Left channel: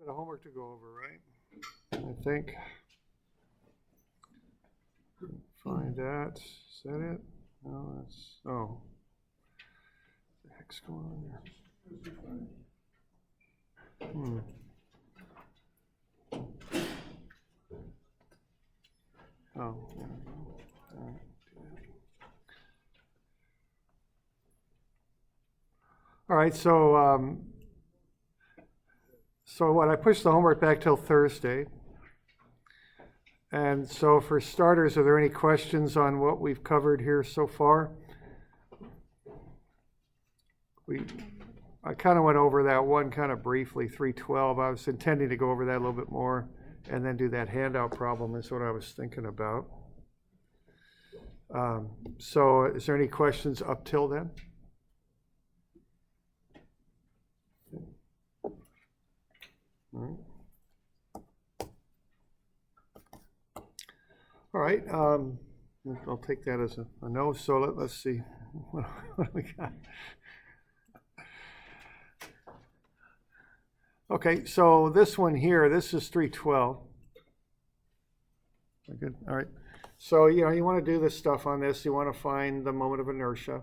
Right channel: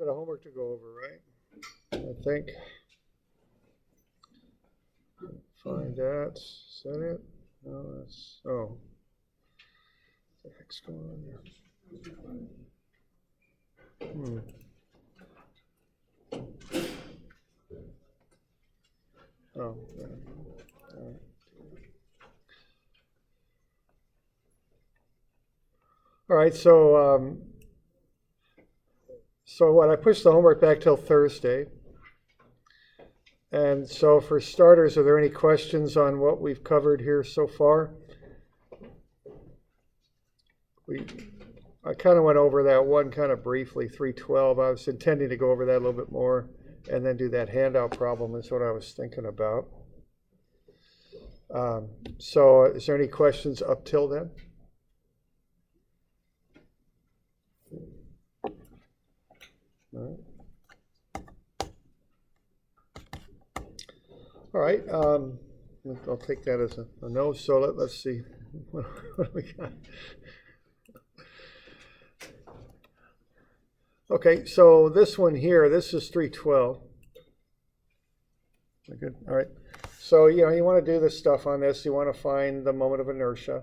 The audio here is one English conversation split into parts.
bit of homework to go over, right? I think. Find that. Is that it? No, that's. Oh. What the heck's going on there? Oh. Yeah. All right. All right, so what, I pushed the homework back till Thursday. And so for starters, are there any questions on what we've covered here so far? I kind of went over that one kind of briefly, 312. I was intending to go over that a little bit more and then do that handout problem is what I was thinking about. So is there any questions up till then? All right, I'll take that as a no. So let's see, what do we got? Okay, so this one here, this is 312. Good. All right. So you want to do this stuff on this. You want to find the moment of inertia.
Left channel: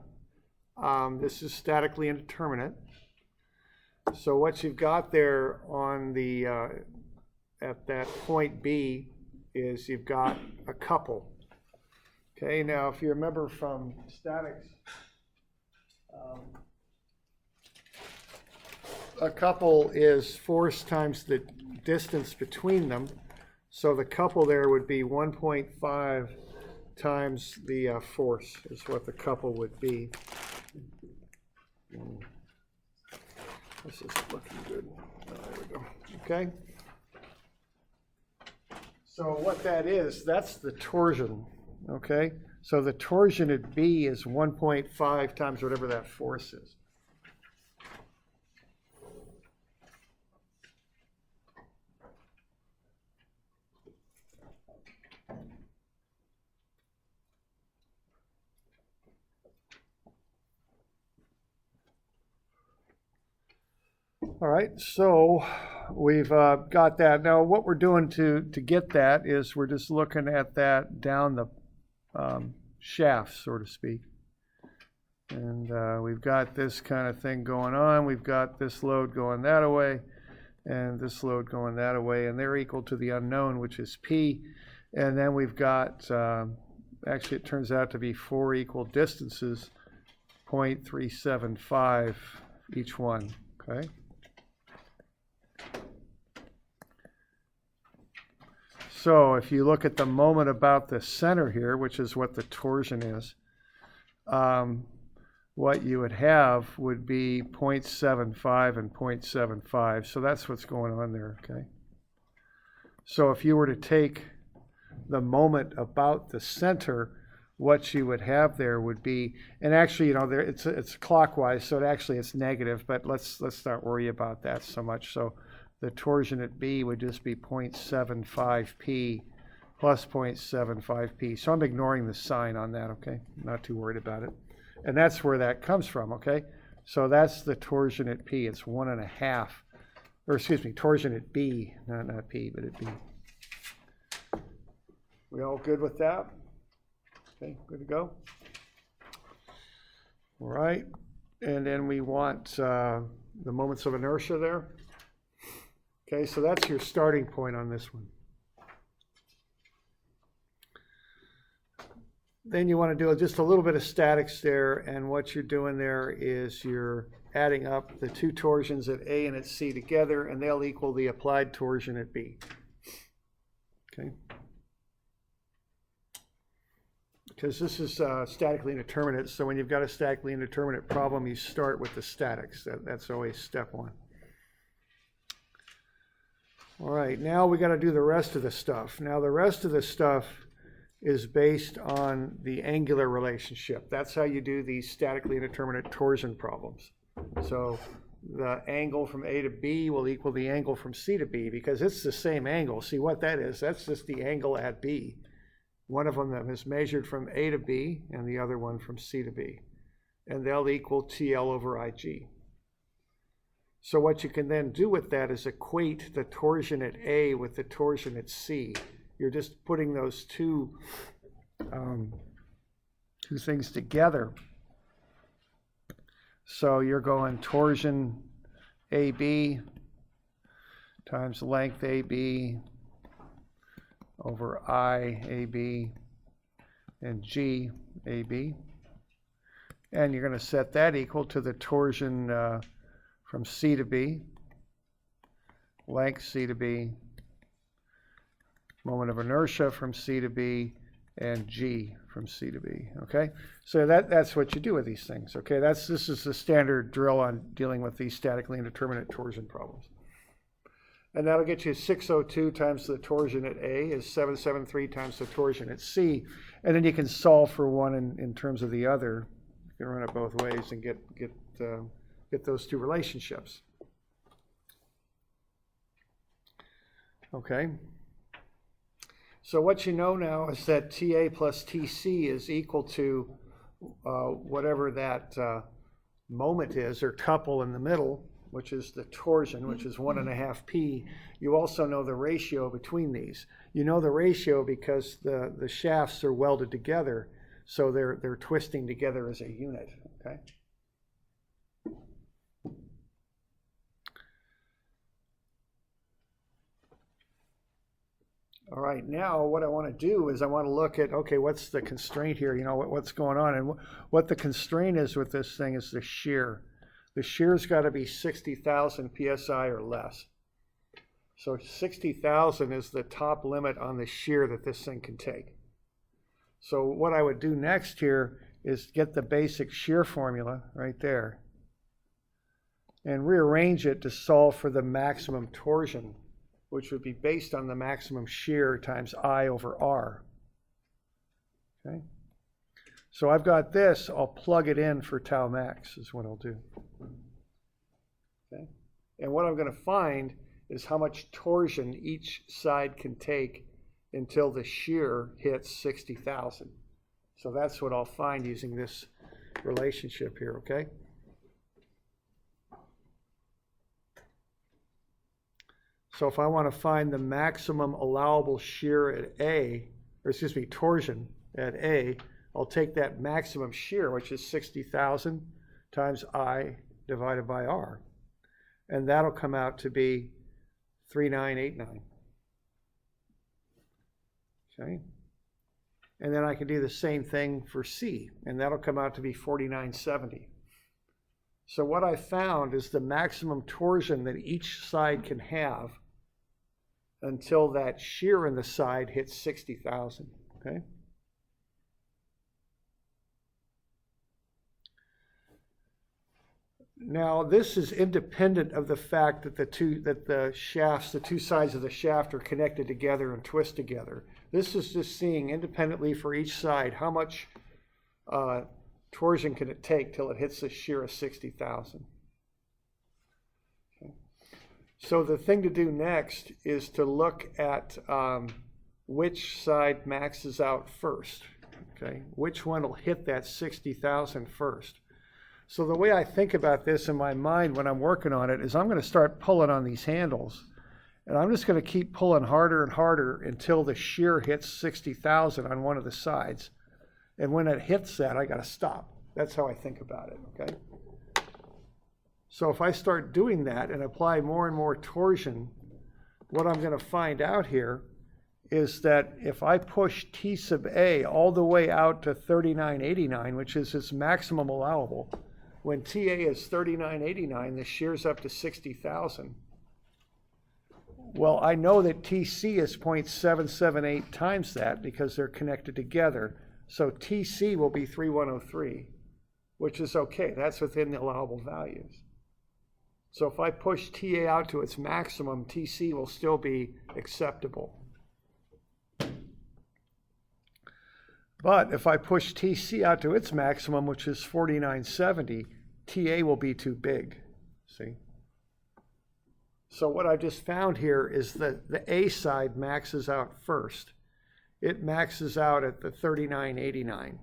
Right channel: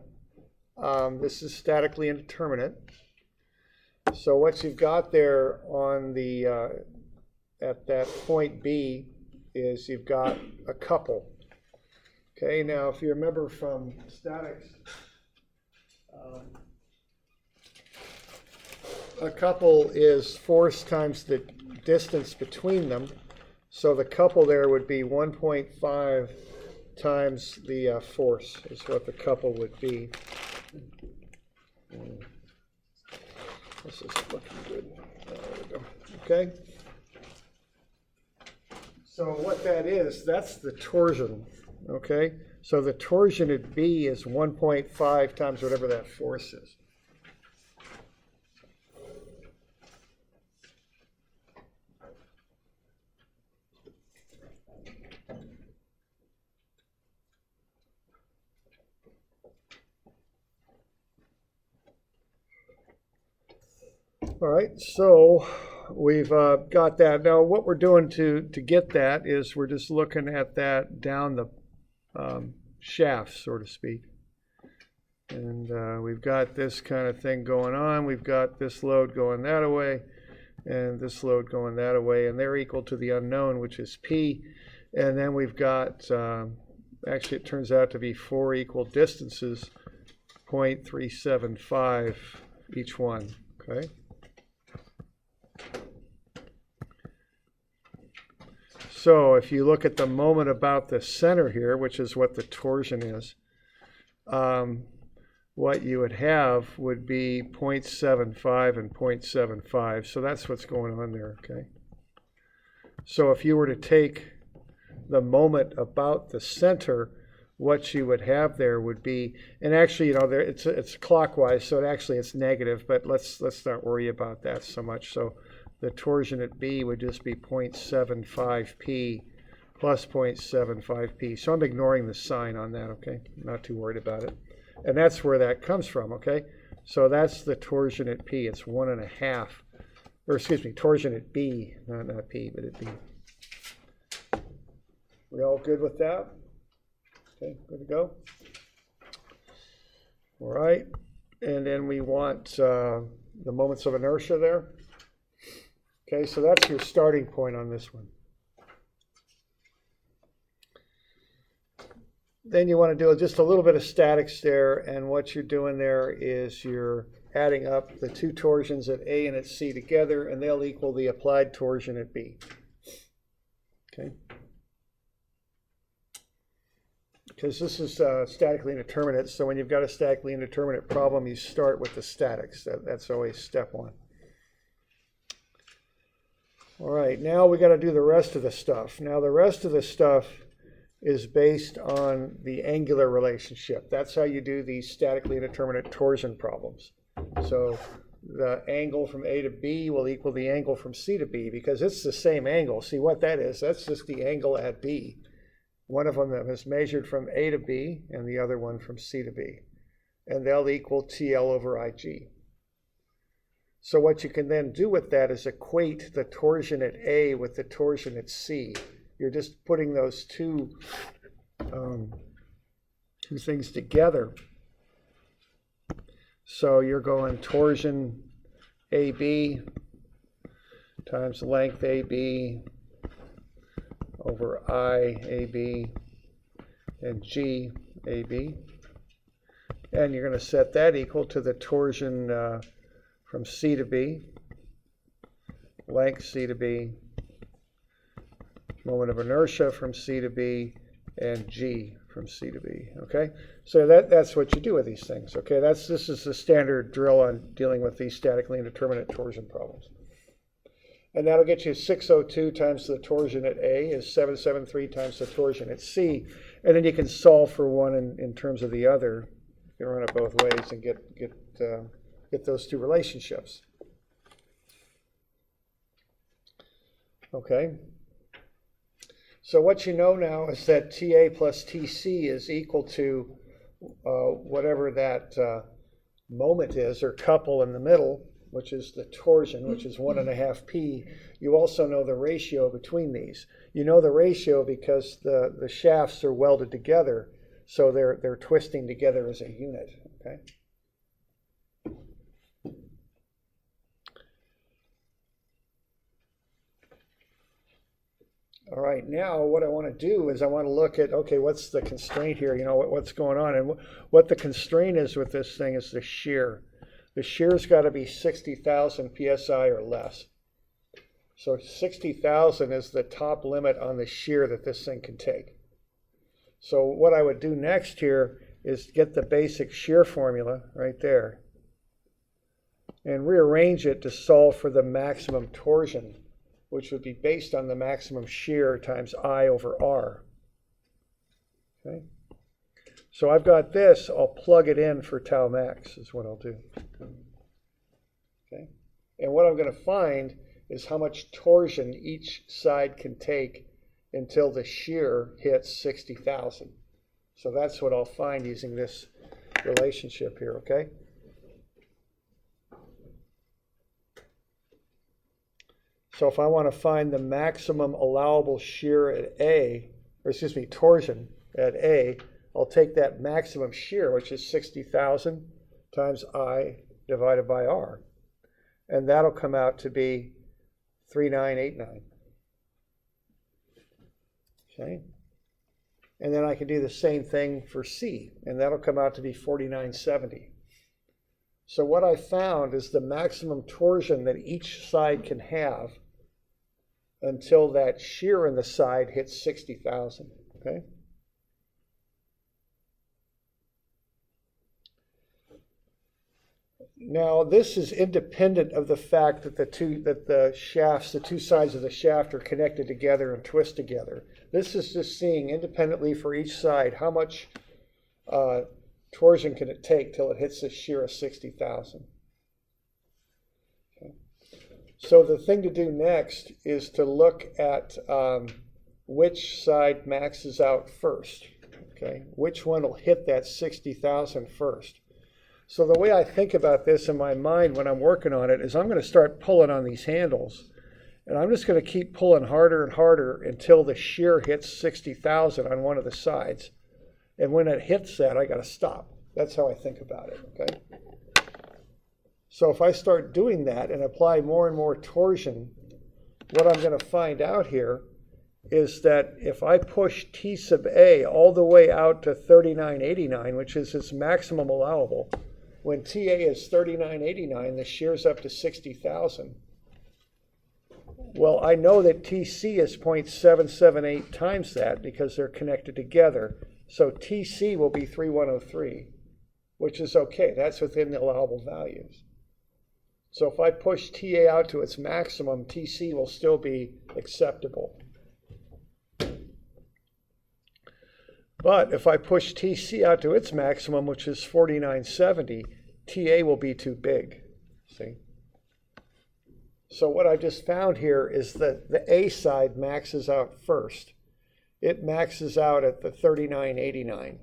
This is statically indeterminate. So what you've got there on the at that point B is you've got a couple. Okay, now if you remember from statics, a couple is force times the distance between them. So the couple there would be 1.5 times the force is what the couple would be. This is looking good. Oh, there we go. Okay. So what that is, that's the torsion. Okay. So the torsion at B is 1.5 times whatever that force is. All right, so we've got that. Now what we're doing to get that is we're just looking at that down the shaft, so to speak. And we've got this kind of thing going on. We've got this load going that away and this load going that away, and they're equal to the unknown, which is P. And then we've got, actually it turns out to be 4 equal distances, 0.375 each one, okay? So if you look at the moment about the center here, which is what the torsion is, what you would have would be 0.75 and 0.75. So that's what's going on there, okay? So if you were to take the moment about the center, what you would have there would be, and actually, there it's clockwise, so it's negative, but let's not worry about that so much. So the torsion at B would just be 0.75p plus 0.75p. So I'm ignoring the sign on that, okay? I'm not too worried about it. And that's where that comes from, okay? So that's the torsion at P. It's 1.5, or excuse me, torsion at B, not P, but at B. We all good with that? Okay, good to go. All right, and then we want the moments of inertia there. Okay, so that's your starting point on this one. Then you want to do just a little bit of statics there, and what you're doing there is you're adding up the two torsions at A and at C together, and they'll equal the applied torsion at B. Okay. Because this is statically indeterminate, so when you've got a statically indeterminate problem, you start with the statics. That's always step one. All right, now we got to do the rest of the stuff. Now the rest of the stuff is based on the angular relationship. That's how you do these statically indeterminate torsion problems. So the angle from A to B will equal the angle from C to B because it's the same angle. See what that is? That's just the angle at B. One of them is measured from A to B and the other one from C to B. And they'll equal TL over IG. So what you can then do with that is equate the torsion at A with the torsion at C. You're just putting those two things together. So you're going torsion AB times length AB over I AB and G AB. And you're going to set that equal to the torsion from C to B, length C to B, moment of inertia from C to B, and G from C to B, okay? So that's what you do with these things, okay? This is the standard drill on dealing with these statically indeterminate torsion problems. And that'll get you 602 times the torsion at A is 773 times the torsion at C. And then you can solve for one in terms of the other. You can run it both ways and get those two relationships. Okay. So what you know now is that TA plus TC is equal to whatever that moment is, or couple in the middle, which is the torsion, which is 1.5 P. You also know the ratio between these. You know the ratio because the shafts are welded together, so they're twisting together as a unit, okay? All right, now what I want to do is I want to look at, okay, what's the constraint here? You know, what's going on? And what the constraint is with this thing is the shear. The shear's got to be 60,000 PSI or less. So 60,000 is the top limit on the shear that this thing can take. So what I would do next here is get the basic shear formula right there and rearrange it to solve for the maximum torsion, which would be based on the maximum shear times I over R. Okay. So I've got this, I'll plug it in for tau max is what I'll do. Okay. And what I'm going to find is how much torsion each side can take until the shear hits 60,000. So that's what I'll find using this relationship here, okay? So if I want to find the maximum allowable shear at A, or excuse me, torsion at A, I'll take that maximum shear, which is 60,000 times I divided by R. And that'll come out to be 3989. Okay. And then I can do the same thing for C, and that'll come out to be 4970. So what I found is the maximum torsion that each side can have until that shear in the side hits 60,000, okay? Now this is independent of the fact that the two sides of the shaft are connected together and twist together. This is just seeing independently for each side how much torsion can it take till it hits the shear of 60,000. Okay. So the thing to do next is to look at which side maxes out first. Okay, which one will hit that 60,000 first? So the way I think about this in my mind when I'm working on it is I'm going to start pulling on these handles, and I'm just going to keep pulling harder and harder until the shear hits 60,000 on one of the sides. And when it hits that, I got to stop. That's how I think about it, okay? So if I start doing that and apply more and more torsion, what I'm going to find out here is that if I push T sub A all the way out to 3989, which is its maximum allowable, when TA is 3989, the shear's up to 60,000. Well, I know that TC is 0.778 times that because they're connected together. So TC will be 3103, which is okay. That's within the allowable values. So if I push TA out to its maximum, TC will still be acceptable. But if I push TC out to its maximum, which is 4970, TA will be too big, see? So what I just found here is that the A side maxes out first. It maxes out at the 3989,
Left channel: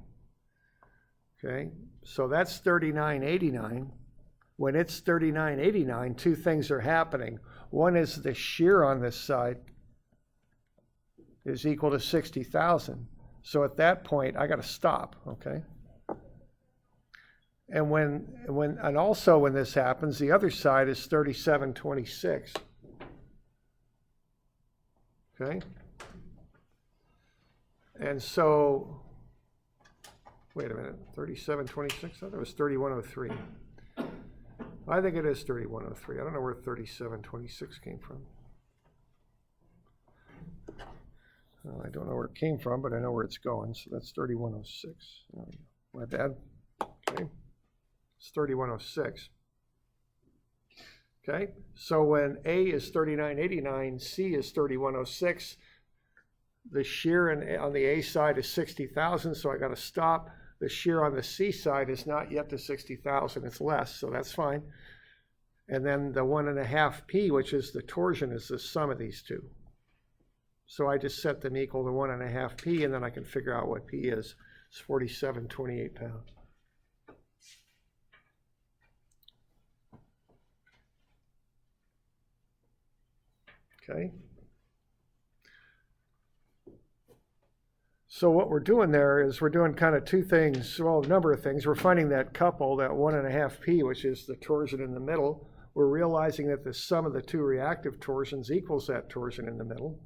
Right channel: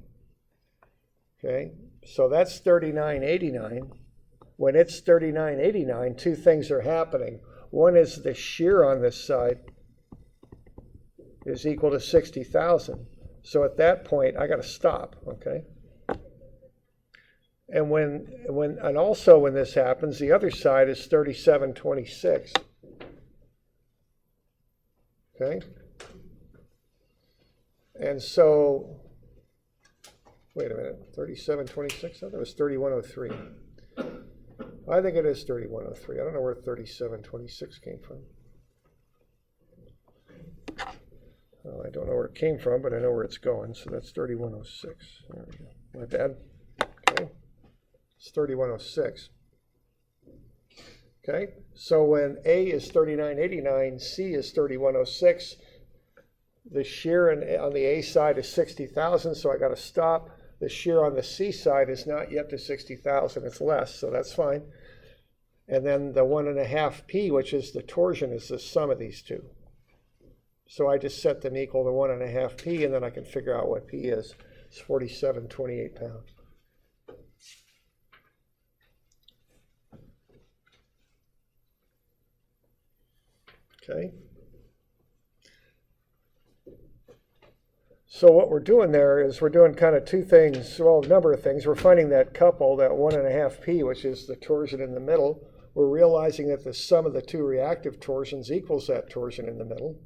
okay? So that's 3989. when it's 39.89, two things are happening. One is the shear on this side is equal to 60,000. So at that point, I got to stop, okay? And and also when this happens, the other side is 37.26. Okay? And so, wait a minute, 37.26? I thought it was 31.03. I think it is 31.03. I don't know where 37.26 came from. Well, I don't know where it came from, but I know where it's going, so that's 31.06. There we go. My bad. Okay. It's 31.06. Okay, so when A is 39.89, C is 31.06, the shear on the A side is 60,000, so I got to stop. The shear on the C side is not yet to 60,000, it's less, so that's fine. And then the 1.5 P, which is the torsion, is the sum of these two. So I just set them equal to 1.5 P, and then I can figure out what P is. It's 47.28 pounds. Okay. So what we're doing there is we're doing kind of two things, well, a number of things. We're finding that couple, that 1.5 P, which is the torsion in the middle. We're realizing that the sum of the two reactive torsions equals that torsion in the middle.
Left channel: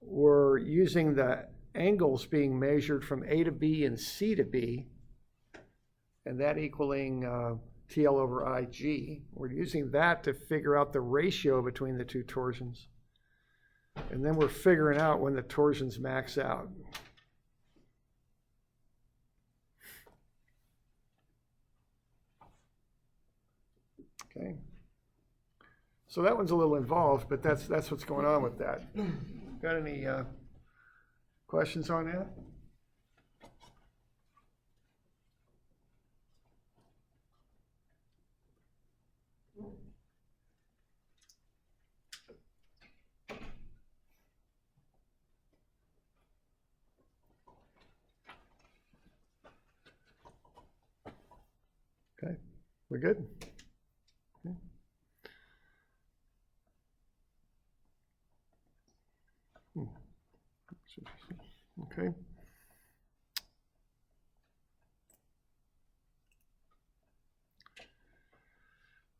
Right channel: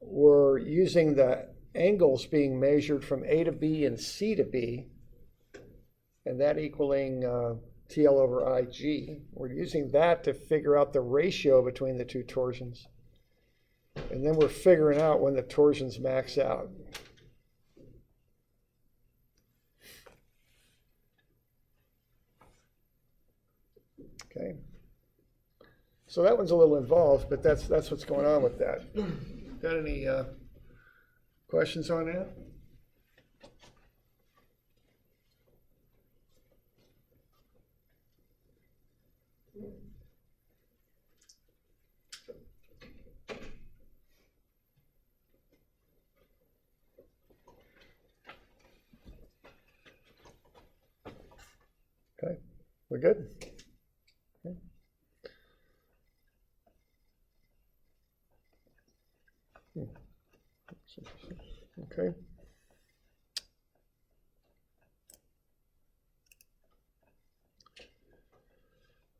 We're using the angles being measured from A to B and C to B, and that equaling TL over IG. We're using that to figure out the ratio between the two torsions. And then we're figuring out when the torsions max out. Okay. So that one's a little involved, but that's what's going on with that. Got any questions on that? Okay, we're good? Okay. Okay.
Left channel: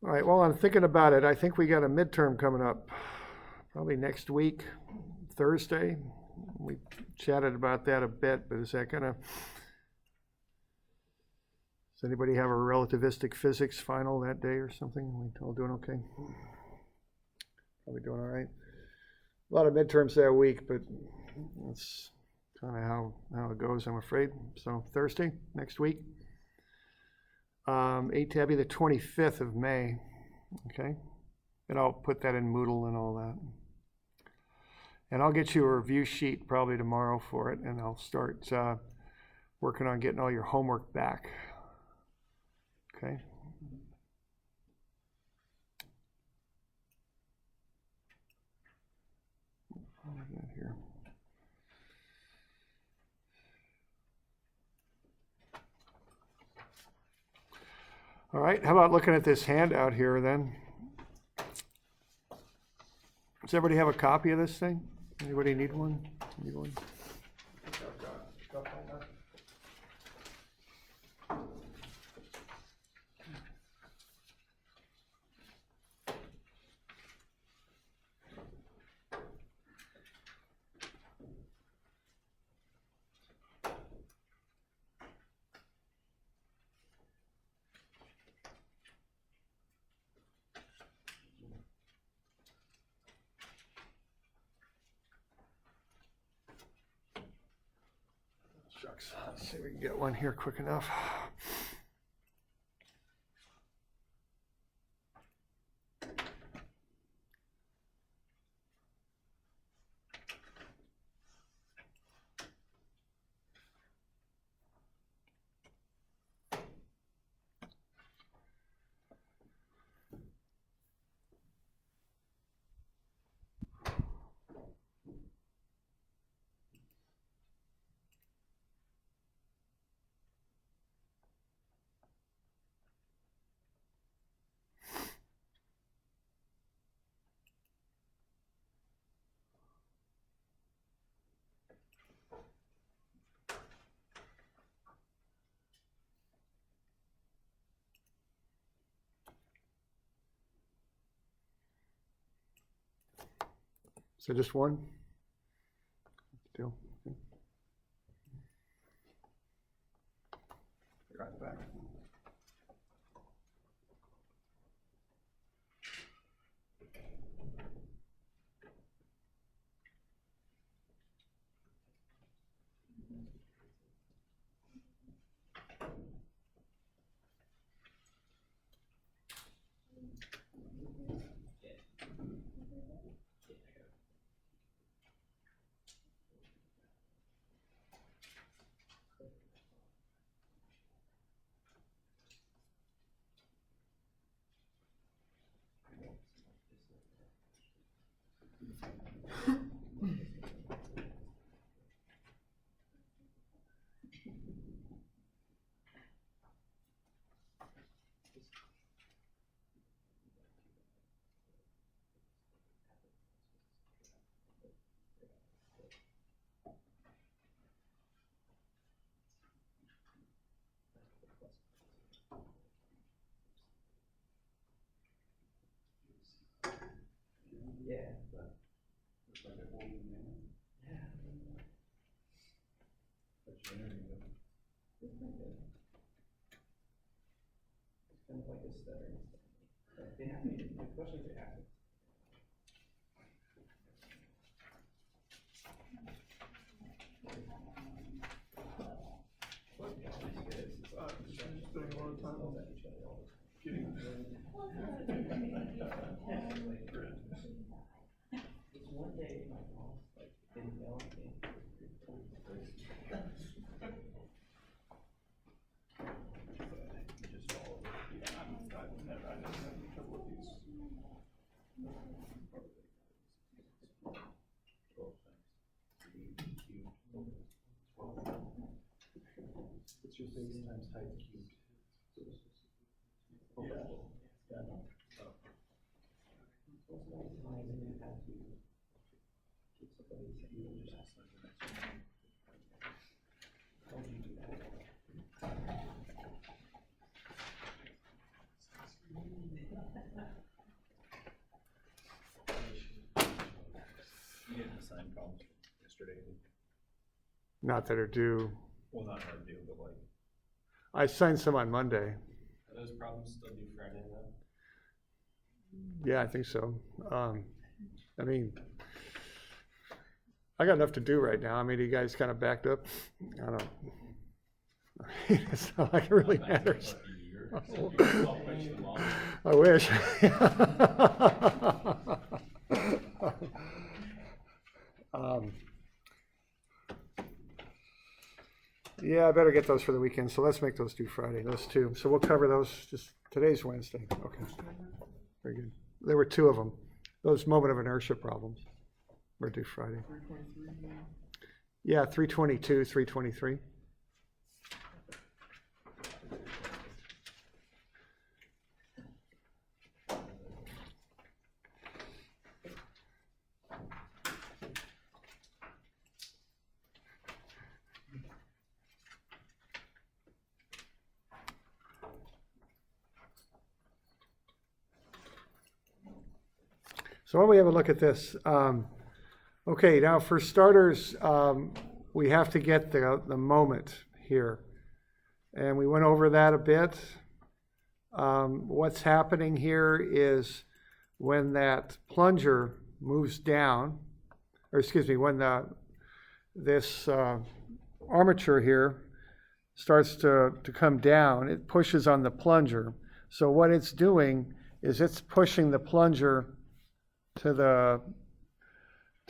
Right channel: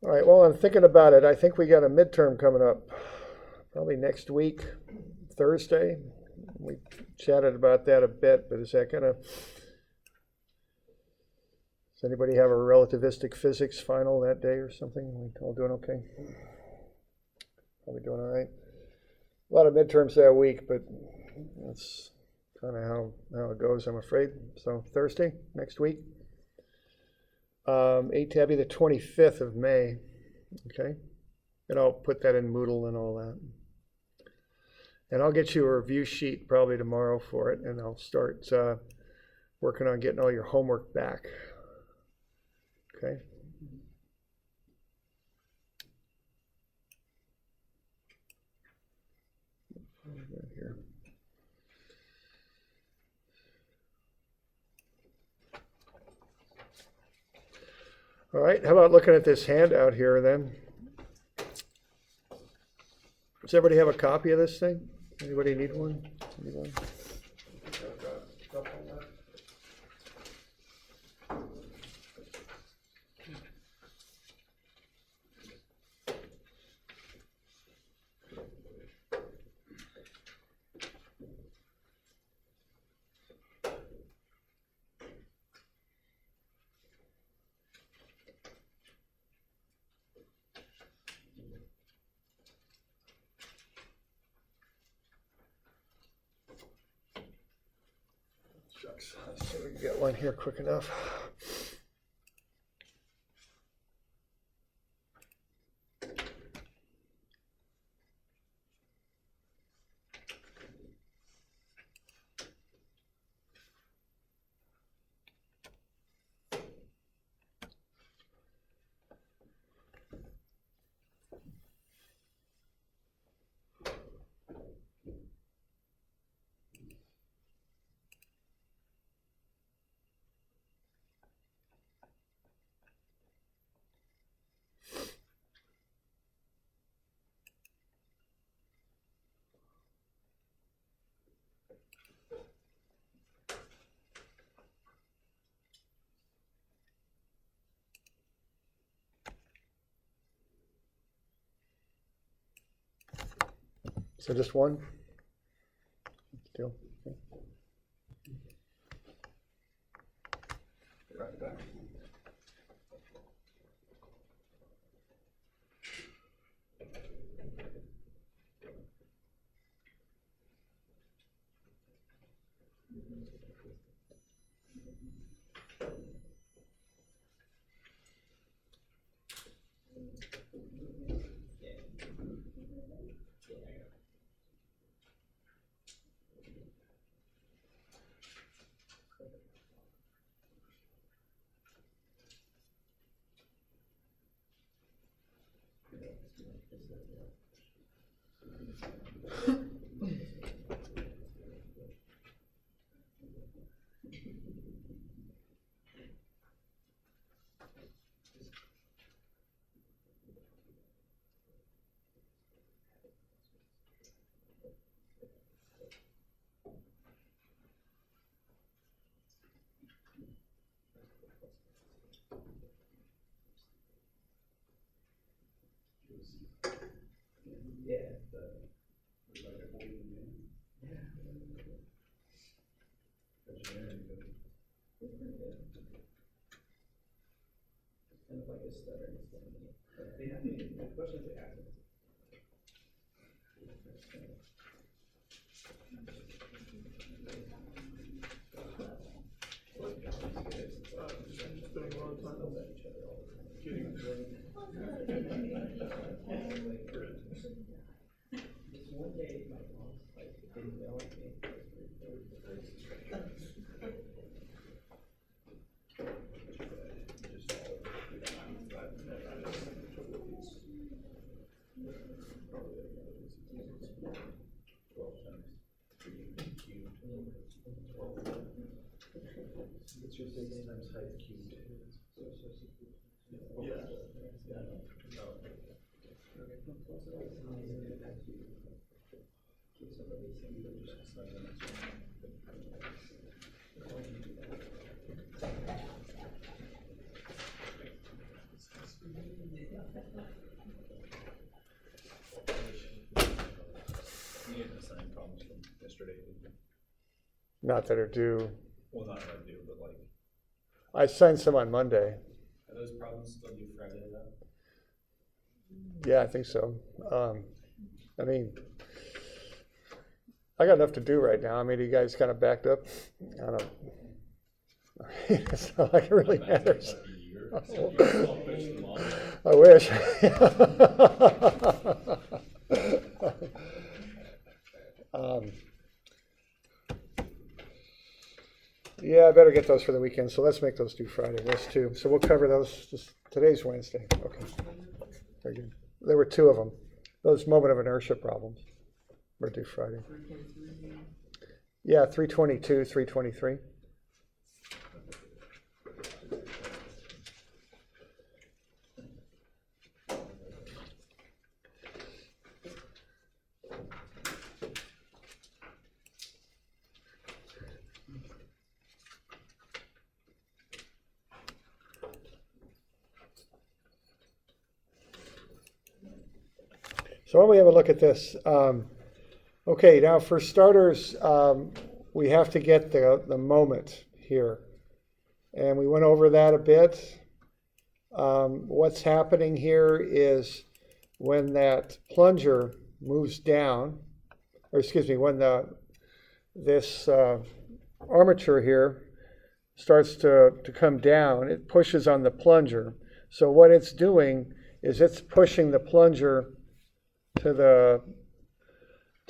All right, well, I'm thinking about it. I think we got a midterm coming up probably next week, Thursday. We chatted about that a bit, but is that gonna, does anybody have a relativistic physics final that day or something? Are we all doing okay? Probably doing all right. A lot of midterms that week, but that's kind of how it goes, I'm afraid. So Thursday, next week. 8 to be the 25th of May, okay? And I'll put that in Moodle and all that. And I'll get you a review sheet probably tomorrow for it, and I'll start working on getting all your homework back, okay? Here. All right, how about looking at this handout here then? Does everybody have a copy of this thing? Anybody need one? Need one? Shucks, let's see if we can get one here quick enough. So just one? Still? Okay. Right back. Yeah, like a holding man. Yeah. It's pretty good. It's kind of like a stuttering thing. They have me, the questions they ask. Spending a lot of time getting This one day, my boss didn't yell at me. What's your base times height cubed? Yeah. You didn't assign problems from yesterday, did you? Not that are due. Well, not that due, but like, I signed some on Monday. are those problems still due Friday though? Yeah, I think so. I mean, I got enough to do right now. I mean, you guys kind of backed up. I don't know. It's not like it really matters. I wish. Yeah, I better get those for the weekend. So let's make those due Friday. Those two. So we'll cover those. Just today's Wednesday. Okay. Very good. There were two of them. Those moment of inertia problems were due Friday. 323. Yeah, 322, 323. So why don't we have a look at this? Okay, now for starters, we have to get the moment here. And we went over that a bit. What's happening here is when that plunger moves down, or excuse me, when this armature here starts to come down, it pushes on the plunger. So what it's doing is it's pushing the plunger to the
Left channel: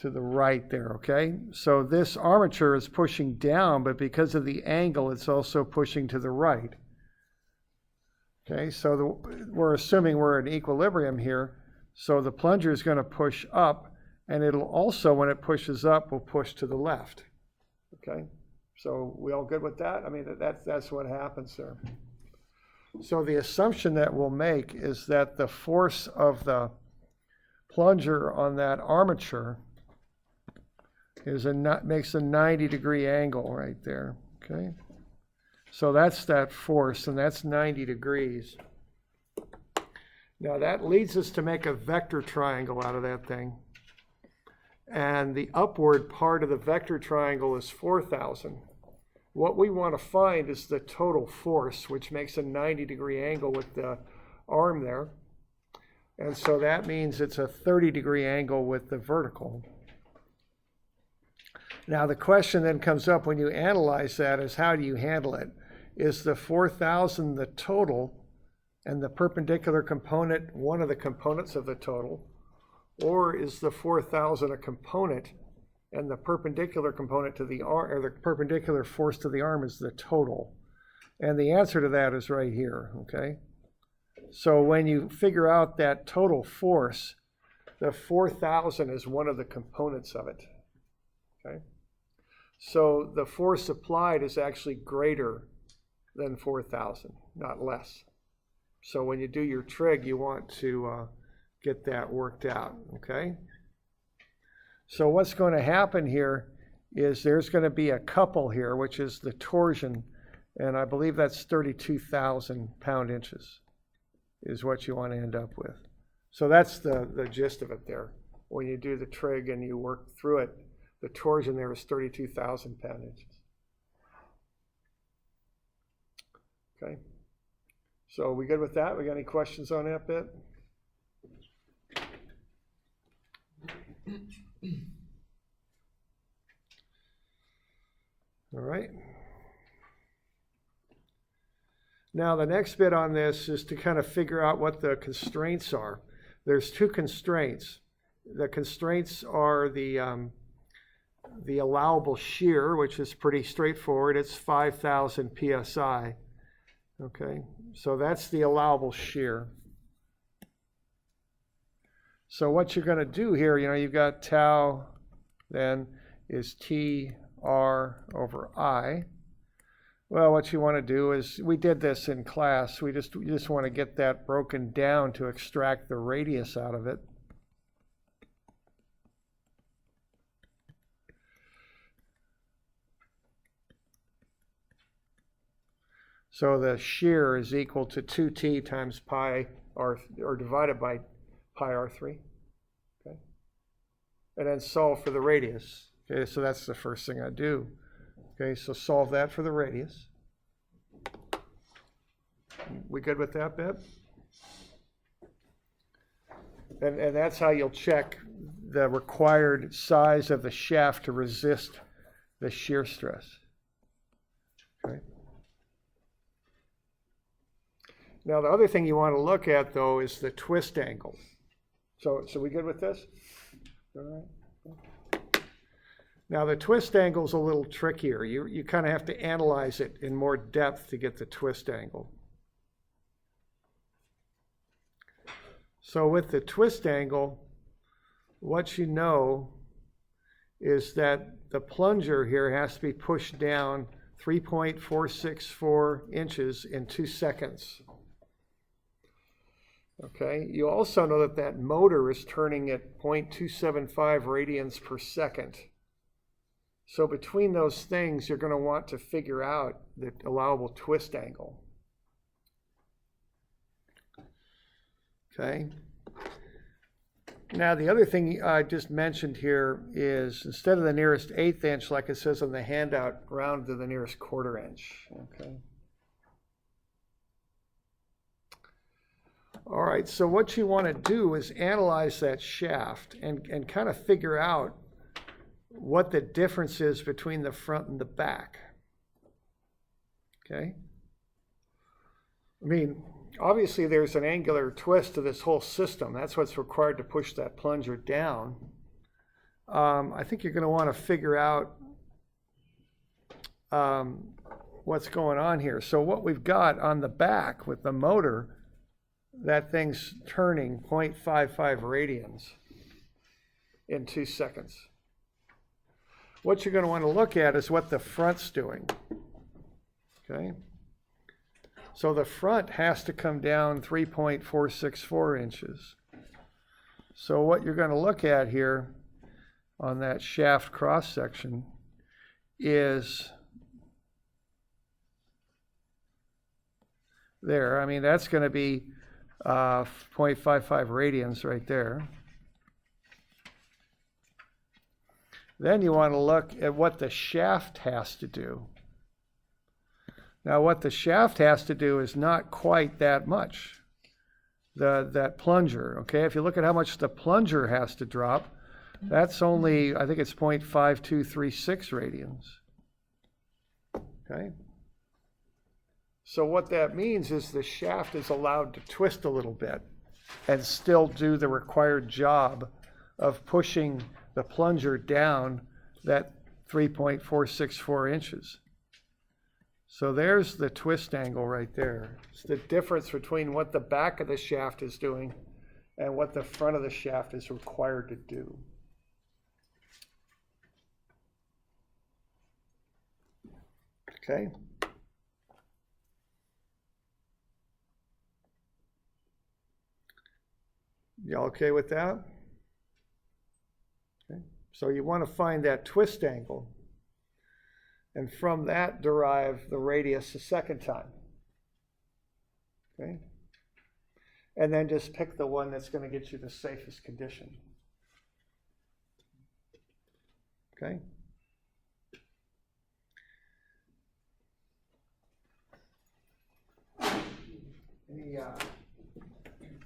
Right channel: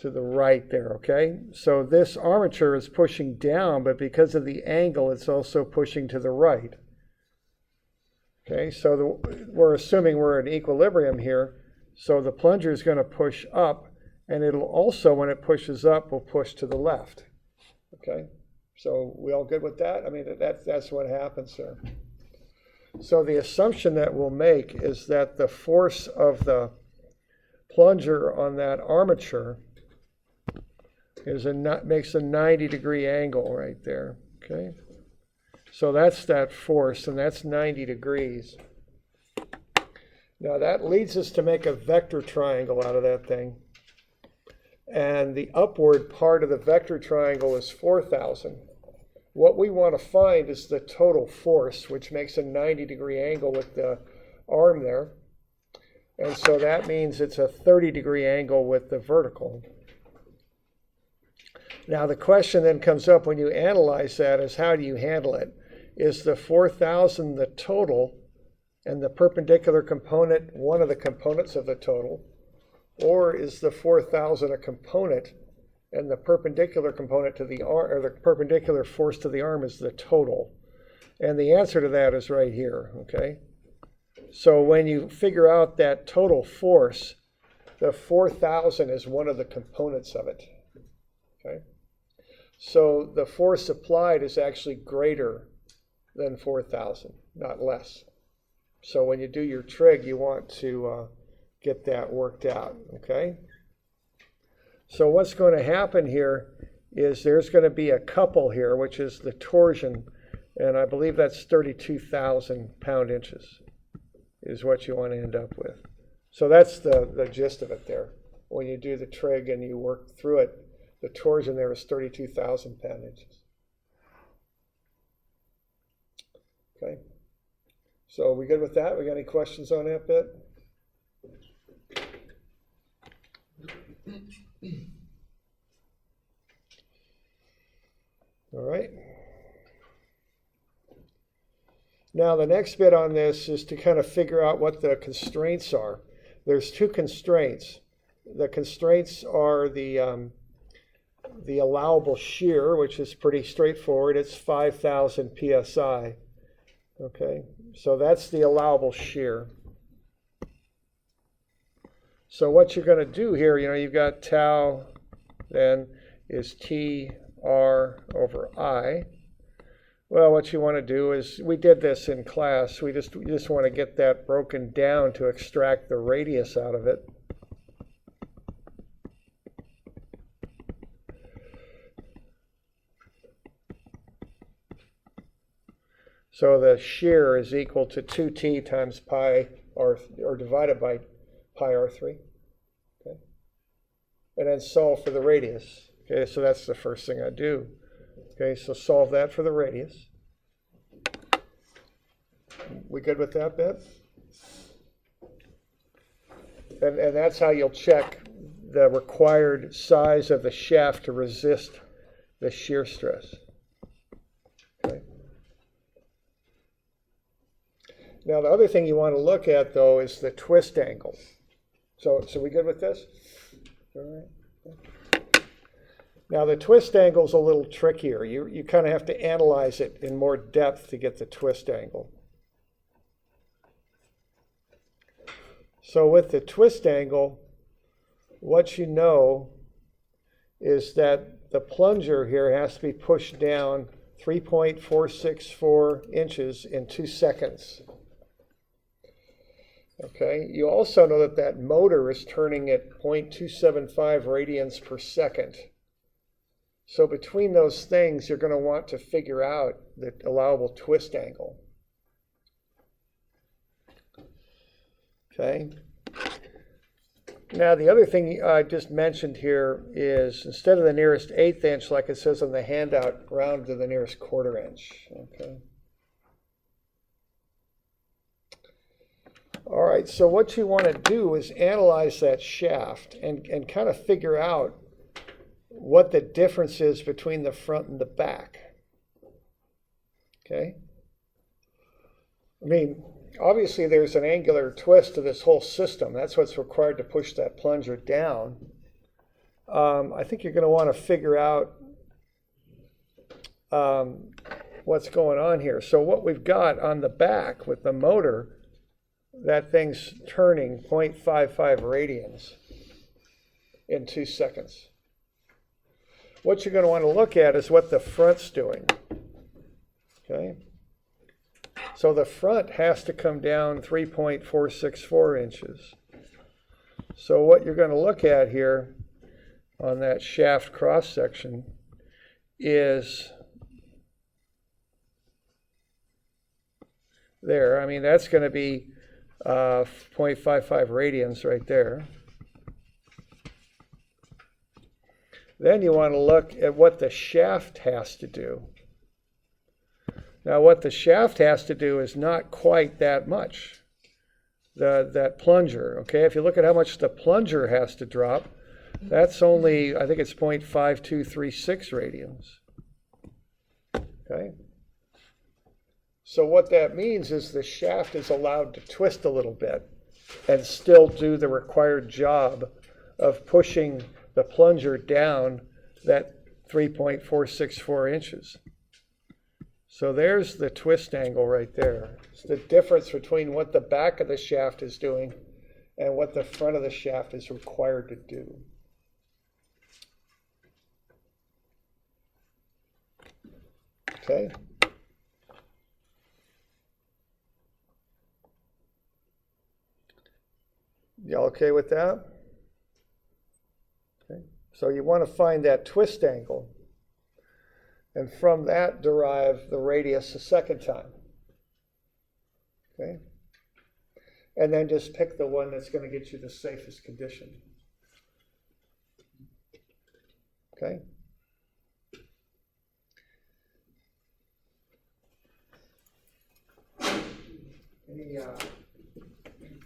right there, okay? So this armature is pushing down, but because of the angle, it's also pushing to the right. Okay, so we're assuming we're in equilibrium here, so the plunger is going to push up, and it'll also, when it pushes up, will push to the left. Okay, so we all good with that? I mean, that's what happens there. So the assumption that we'll make is that the force of the plunger on that armature makes a 90-degree angle right there, okay? So that's that force, and that's 90 degrees. Now that leads us to make a vector triangle out of that thing. and the upward part of the vector triangle is 4,000. What we want to find is the total force, which makes a 90-degree angle with the arm there. And so that means it's a 30-degree angle with the vertical. Now the question then comes up when you analyze that is how do you handle it? Is the 4,000 the total and the perpendicular component one of the components of the total? Or is the 4,000 a component and the perpendicular component to the arm, or the perpendicular force to the arm is the total? And the answer to that is right here, okay? So when you figure out that total force, the 4,000 is one of the components of it, okay? So the force applied is actually greater than 4,000, not less. So when you do your trig, you want to get that worked out, okay? So what's going to happen here is there's going to be a couple here, which is the torsion, and I believe that's 32,000 pound-inches is what you want to end up with. So that's the gist of it there. When you do the trig and you work through it, the torsion there is 32,000 pound-inches. Okay. So are we good with that? We got any questions on that bit? All right. Now the next bit on this is to kind of figure out what the constraints are. There's two constraints. The constraints are the allowable shear, which is pretty straightforward. It's 5,000 psi. Okay, so that's the allowable shear. So what you're going to do here, you've got tau then is T R over I. Well, what you want to do is, we did this in class, you just want to get that broken down to extract the radius out of it. So the shear is equal to 2t times pi r, or divided by pi r3. Okay. And then solve for the radius. Okay, so that's the first thing I do. Okay, so solve that for the radius. We good with that bit? And that's how you'll check the required size of the shaft to resist the shear stress. Okay. Now the other thing you want to look at though is the twist angle. So we good with this? All right. Now the twist angle is a little trickier. You kind of have to analyze it in more depth to get the twist angle. So with the twist angle, what you know is that the plunger here has to be pushed down 3.464 inches in 2 seconds. Okay, you also know that that motor is turning at 0.275 radians per second. So between those things, you're going to want to figure out the allowable twist angle. Okay. Now the other thing I just mentioned here is instead of the nearest 1/8 inch, like it says on the handout, round to the nearest 1/4 inch. Okay. All right, so what you want to do is analyze that shaft and kind of figure out what the difference is between the front and the back. Okay? I mean, obviously there's an angular twist to this whole system. That's what's required to push that plunger down. I think you're going to want to figure out what's going on here. So what we've got on the back with the motor, that thing's turning 0.55 radians in 2 seconds. What you're going to want to look at is what the front's doing. Okay? So the front has to come down 3.464 inches. So what you're going to look at here on that shaft cross section is there. I mean, that's going to be 0.55 radians right there. Then you want to look at what the shaft has to do. Now, what the shaft has to do is not quite that much. That plunger, okay? If you look at how much the plunger has to drop, that's only, I think it's 0.5236 radians. Okay? So what that means is the shaft is allowed to twist a little bit and still do the required job of pushing the plunger down that 3.464 inches. So there's the twist angle right there. It's the difference between what the back of the shaft is doing and what the front of the shaft is required to do. Okay. You all okay with that? Okay. So you want to find that twist angle, and from that derive the radius a second time. Okay. And then just pick the one that's going to get you the safest condition. Okay.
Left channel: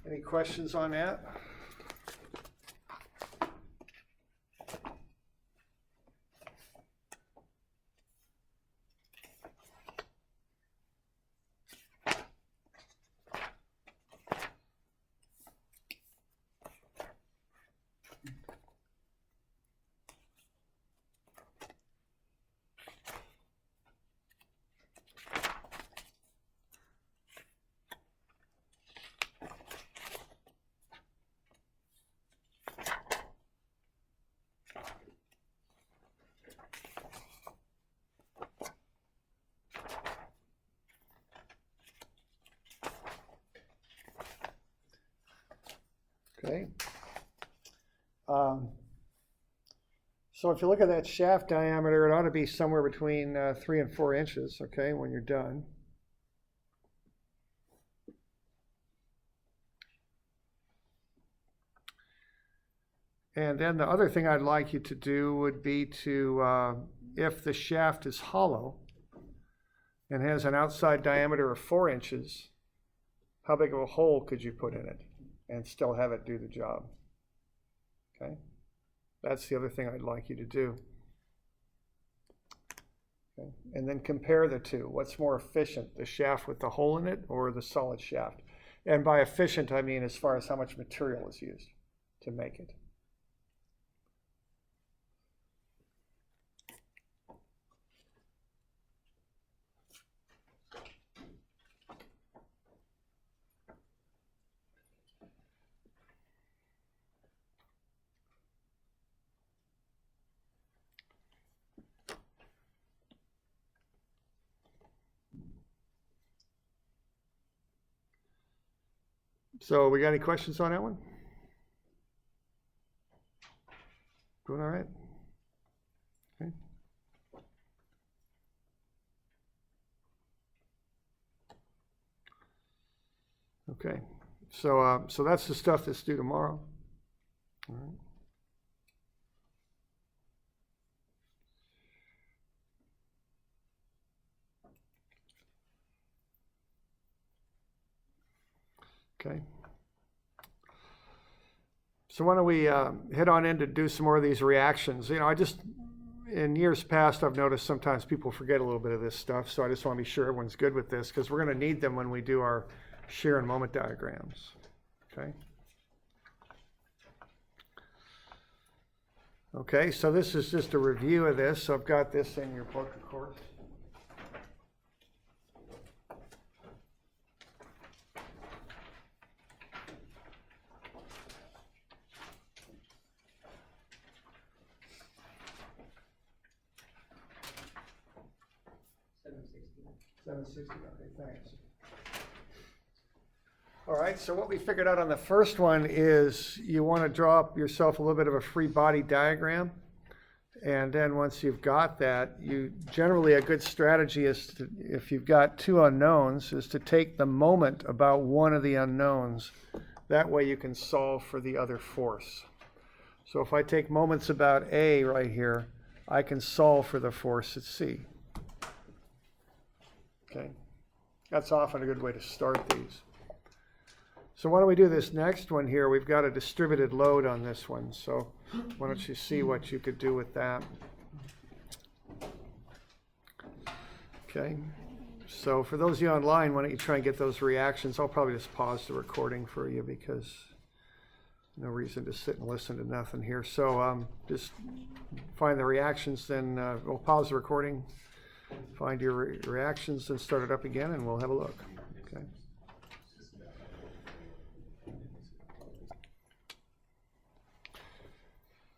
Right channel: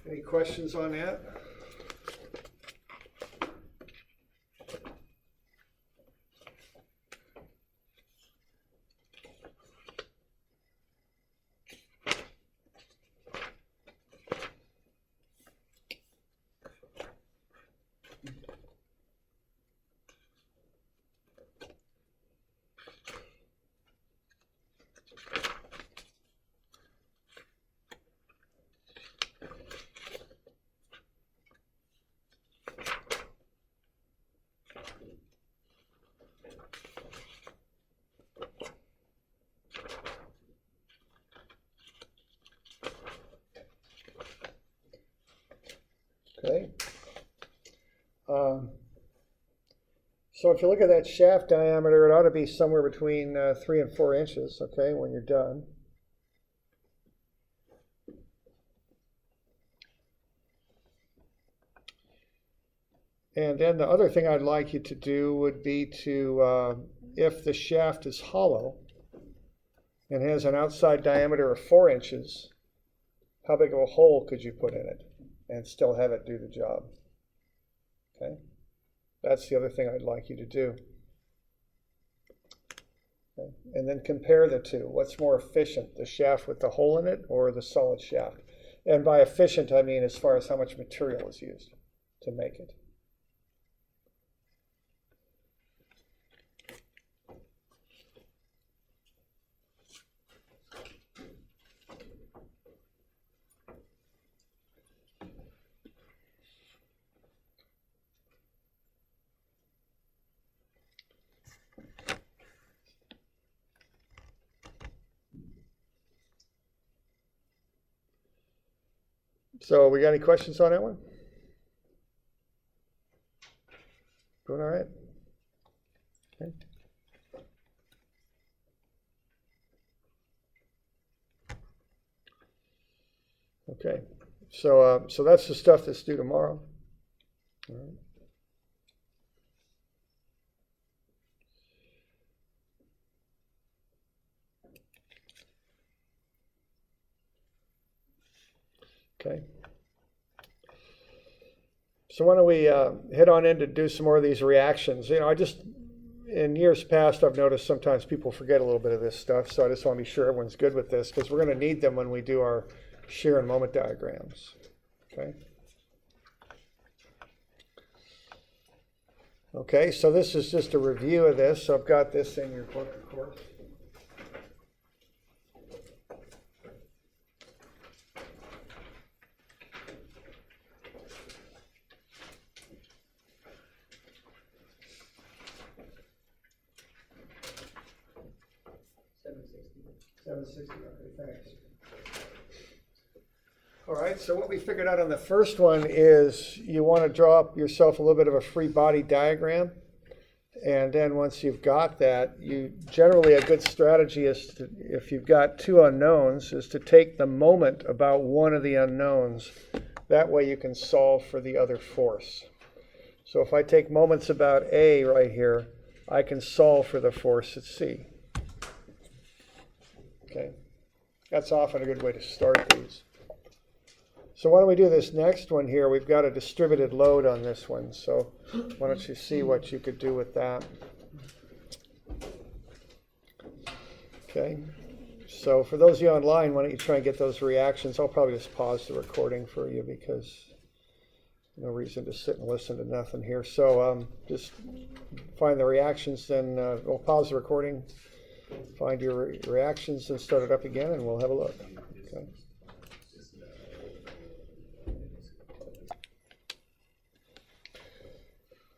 Any questions on that? Okay. So if you look at that shaft diameter, it ought to be somewhere between 3 and 4 inches, okay, when you're done. And then the other thing I'd like you to do would be to, if the shaft is hollow and has an outside diameter of 4 inches, how big of a hole could you put in it and still have it do the job? Okay, that's the other thing I'd like you to do. Okay. And then compare the two. What's more efficient, the shaft with the hole in it or the solid shaft? And by efficient, I mean as far as how much material is used to make it. So we got any questions on that one? Doing all right? Okay. Okay. So that's the stuff that's due tomorrow. All right. Okay. So why don't we head on in to do some more of these reactions. You know, in years past, I've noticed sometimes people forget a little bit of this stuff, so I just want to be sure everyone's good with this, because we're going to need them when we do our shear and moment diagrams. Okay. Okay, so this is just a review of this. So I've got this in your book, of course. Okay, thanks. All right, so what we figured out on the first one is you want to draw up yourself a little bit of a free body diagram. And then once you've got that, generally a good strategy is to, if you've got two unknowns, is to take the moment about one of the unknowns. That way you can solve for the other force. So if I take moments about A right here, I can solve for the force at C. Okay, that's often a good way to start these. So why don't we do this next one here? We've got a distributed load on this one, so why don't you see what you could do with that? Okay, so for those of you online, why don't you try and get those reactions? I'll probably just pause the recording for you because no reason to sit and listen to nothing here. So just find the reactions, then we'll pause the recording, find your reactions, and start it up again, and we'll have a look. Okay.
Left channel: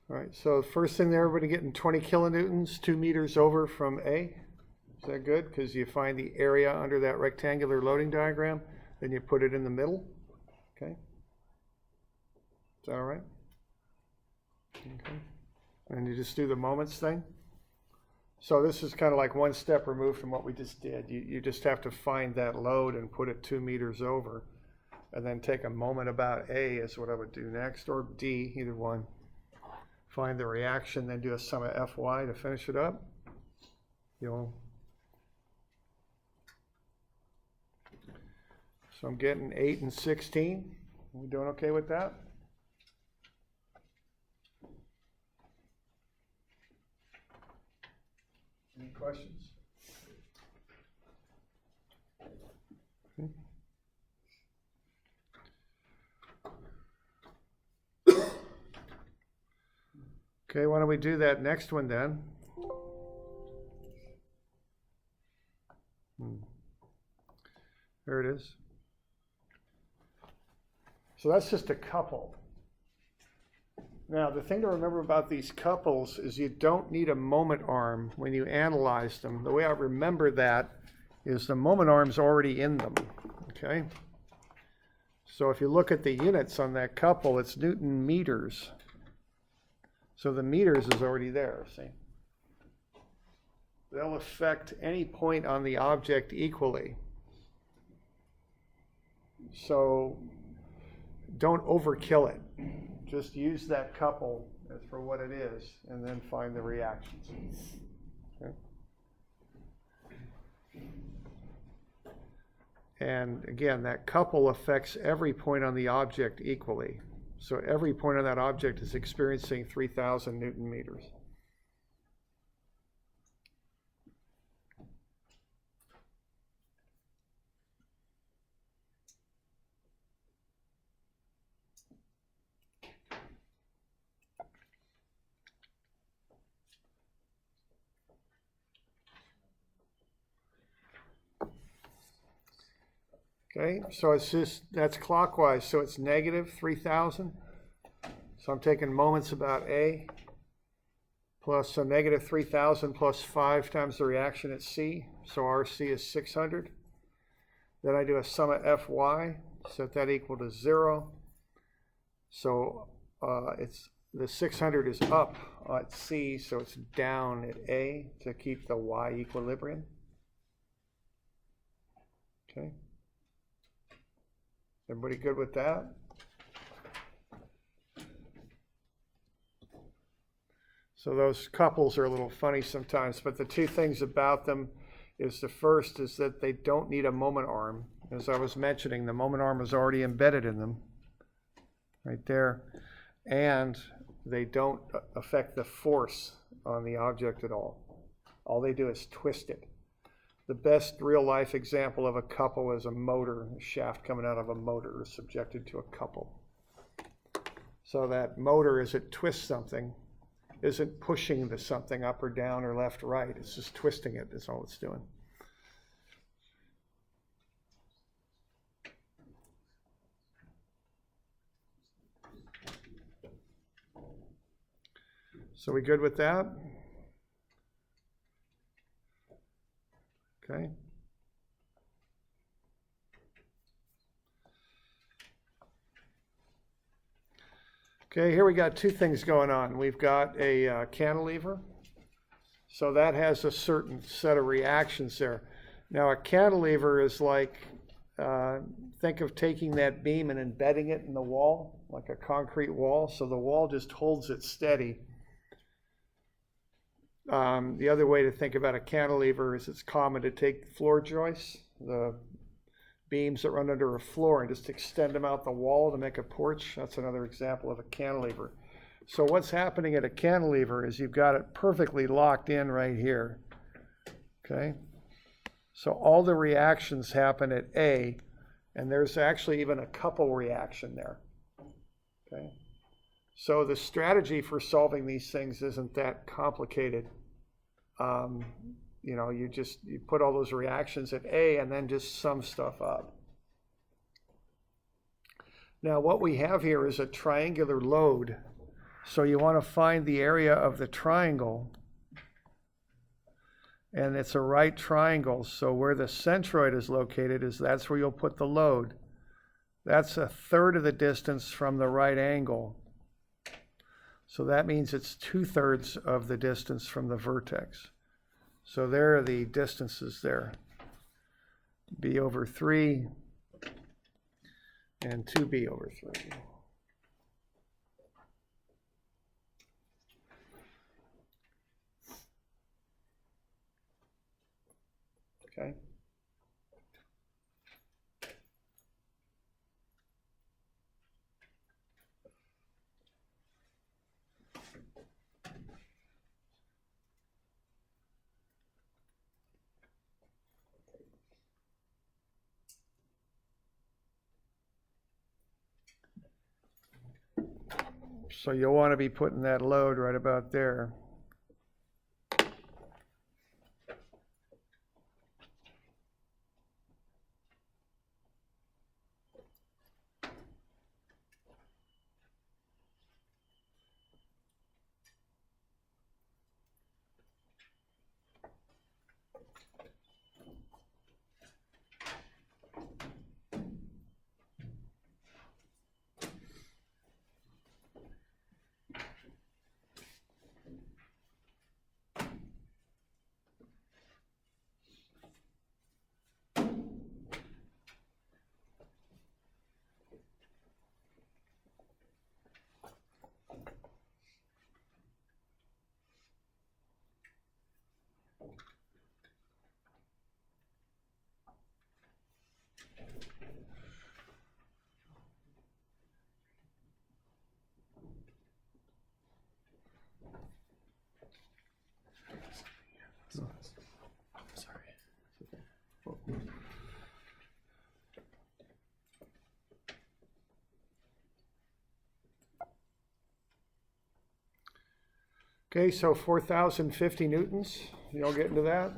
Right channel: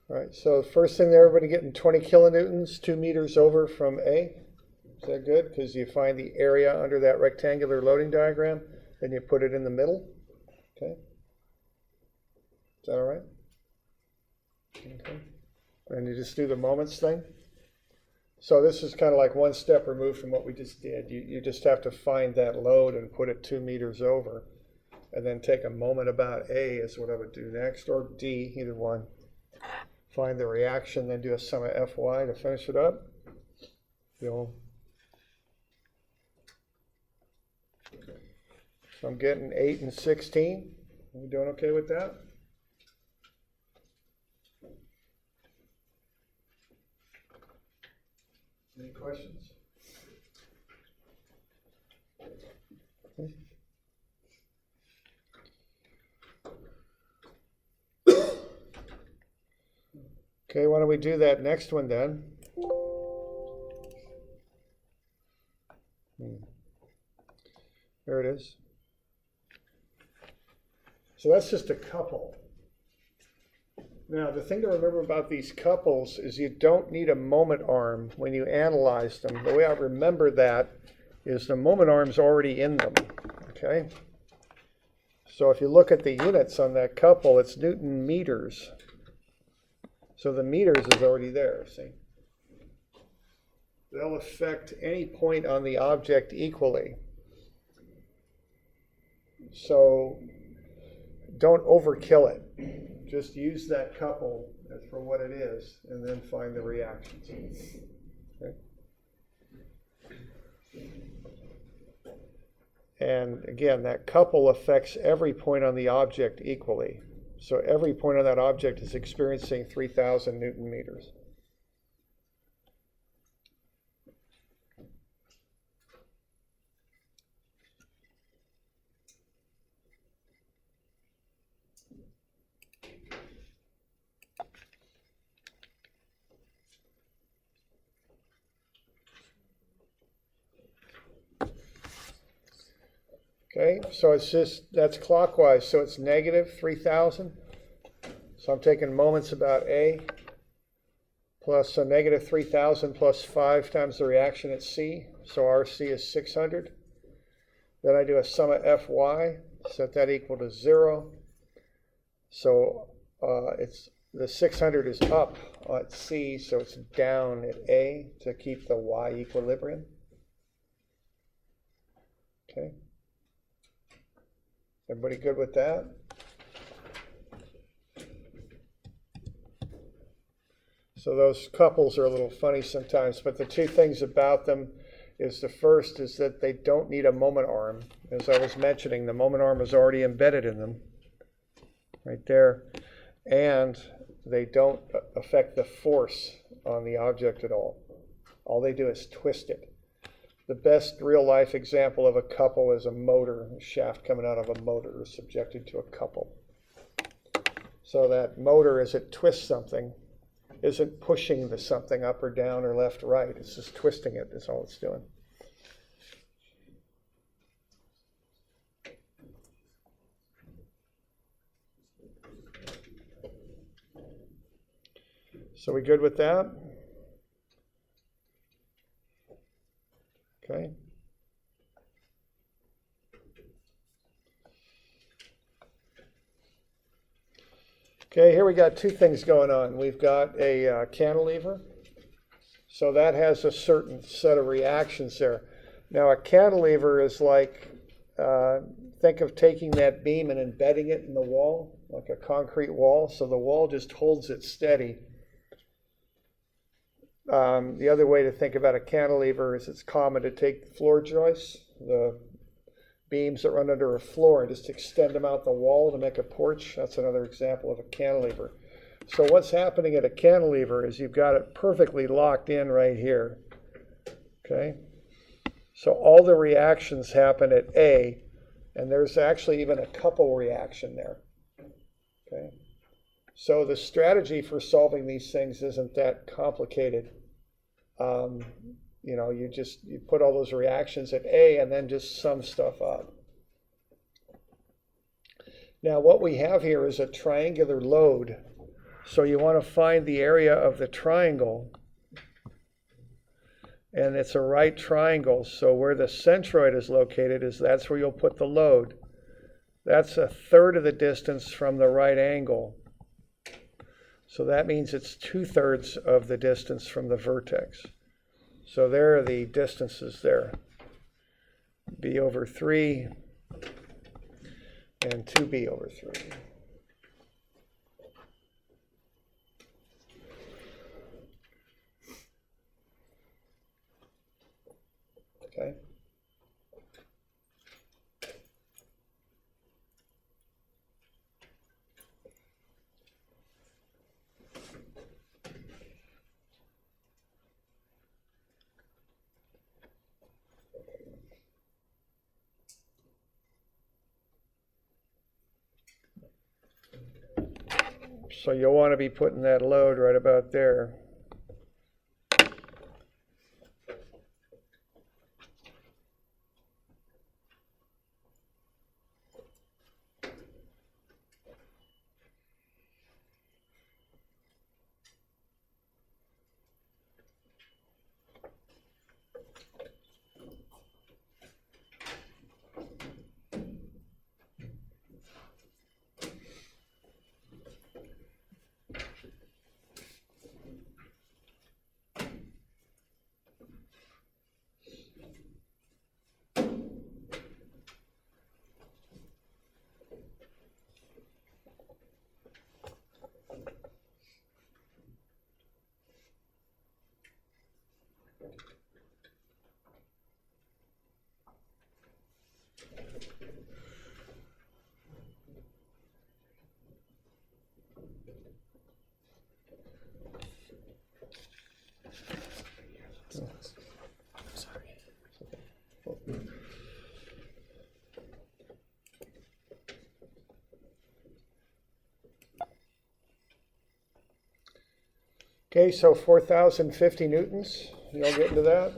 All right, so first thing there, everybody getting 20 kilonewtons, 2 meters over from A. Is that good? Because you find the area under that rectangular loading diagram, then you put it in the middle. Okay. Is that all right? Okay. And you just do the moments thing. So this is kind of like one step removed from what we just did. You just have to find that load and put it 2 meters over, and then take a moment about A is what I would do next, or D, either one. Find the reaction, then do a sum of Fy to finish it up. So I'm getting 8 and 16. Are we doing okay with that? Any questions? Okay. Okay, why don't we do that next one then? There it is. So that's just a couple. Now, the thing to remember about these couples is you don't need a moment arm when you analyze them. The way I remember that is the moment arm's already in them, okay? So if you look at the units on that couple, it's Newton meters. So the meters is already there, see? They'll affect any point on the object equally. So don't overkill it. Just use that couple as for what it is, and then find the reactions. Okay? And again, that couple affects every point on the object equally. So every point on that object is experiencing 3,000 Newton meters. Okay, so it's just, that's clockwise, so it's negative 3,000. So I'm taking moments about A, plus a negative 3,000 plus 5 times the reaction at C, so RC is 600. Then I do a sum of Fy, set that equal to 0. So it's the 600 is up at C, so it's down at A to keep the Y equilibrium. Okay. Everybody good with that? So those couples are a little funny sometimes, but the two things about them is the first is that they don't need a moment arm. As I was mentioning, the moment arm is already embedded in them, right there. And they don't affect the force on the object at all. All they do is twist it. The best real-life example of a couple is a motor. A shaft coming out of a motor is subjected to a couple. So that motor, as it twists something, isn't pushing the something up or down or left or right. It's just twisting it, is all it's doing. So we good with that? Okay. Okay, here we got two things going on. We've got a cantilever. So that has a certain set of reactions there. Now a cantilever is like think of taking that beam and embedding it in the wall, like a concrete wall, so the wall just holds it steady. The other way to think about a cantilever is it's common to take floor joists, the beams that run under a floor, and just extend them out the wall to make a porch. That's another example of a cantilever. So what's happening at a cantilever is you've got it perfectly locked in right here. Okay? So all the reactions happen at A, and there's actually even a couple reaction there. Okay? So the strategy for solving these things isn't that complicated. You know, you put all those reactions at A and then just sum stuff up. Now what we have here is a triangular load. So you want to find the area of the triangle, and it's a right triangle. So where the centroid is located that's where you'll put the load. That's a third of the distance from the right angle. So that means it's 2/3 of the distance from the vertex. So there are the distances there. B over 3 and 2B over 3. Okay. So you'll want to be putting that load right about there. Okay, so 4,050 newtons. You all get into that?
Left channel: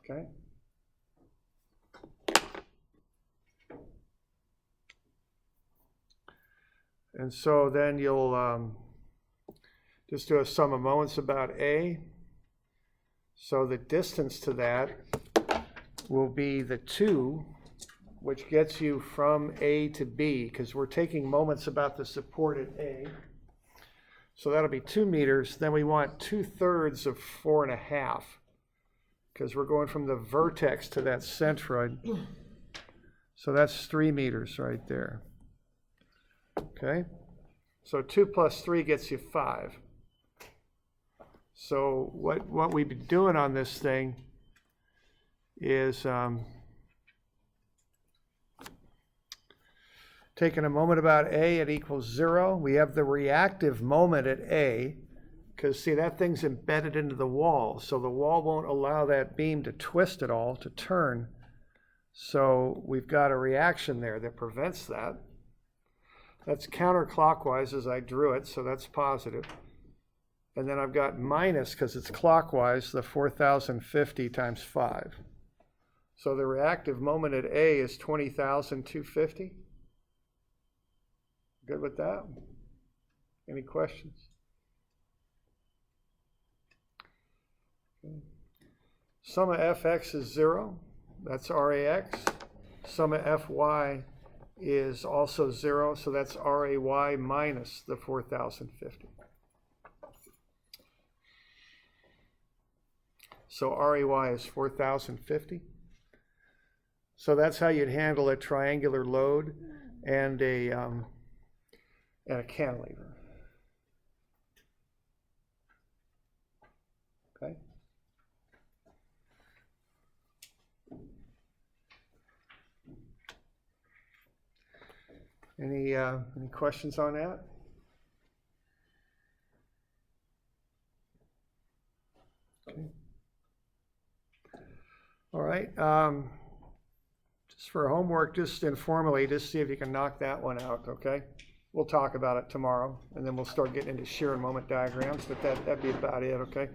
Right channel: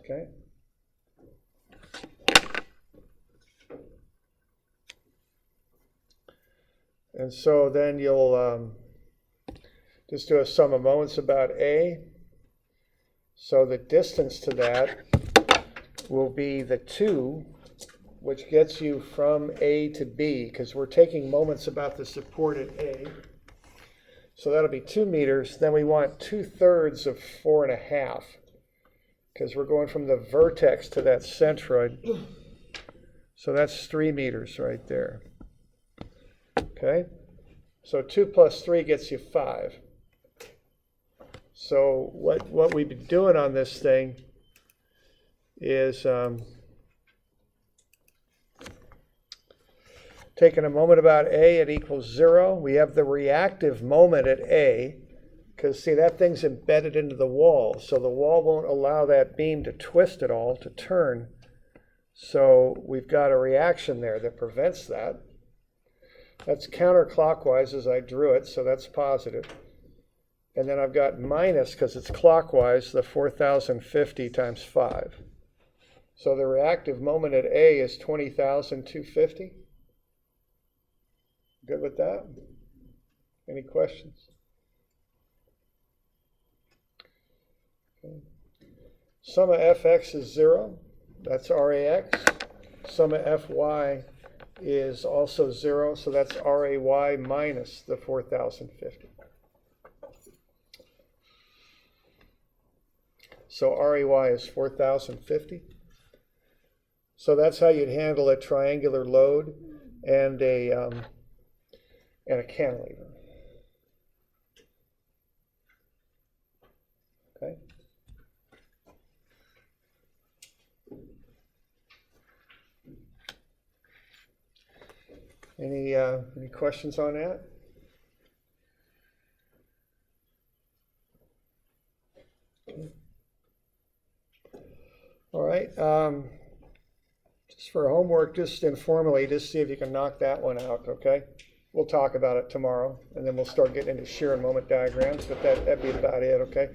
Okay. And so then you'll just do a sum of moments about A. So the distance to that will be the 2, which gets you from A to B, because we're taking moments about the support at A. So that'll be 2 meters. Then we want 2/3 of 4.5, because we're going from the vertex to that centroid. So that's 3 meters right there. Okay? So 2 plus 3 gets you 5. So what we've been doing on this thing is taking a moment about A, it equals 0. We have the reactive moment at A, because see, that thing's embedded into the wall, so the wall won't allow that beam to twist at all, to turn. So we've got a reaction there that prevents that. That's counterclockwise as I drew it, so that's positive. And then I've got minus, because it's clockwise, the 4,050 times 5. So the reactive moment at A is 20,250. Good with that? Any questions? Okay. Sum of fx is 0. That's rax. Sum of fy is also 0, so that's ray minus the 4,050. So REY is 4,050. So that's how you'd handle a triangular load and a cantilever. Okay. Any questions on that? Okay. All right. Just for homework, just informally, just see if you can knock that one out, okay? We'll talk about it tomorrow, and then we'll start getting into shear and moment diagrams, but that'd be about it, okay?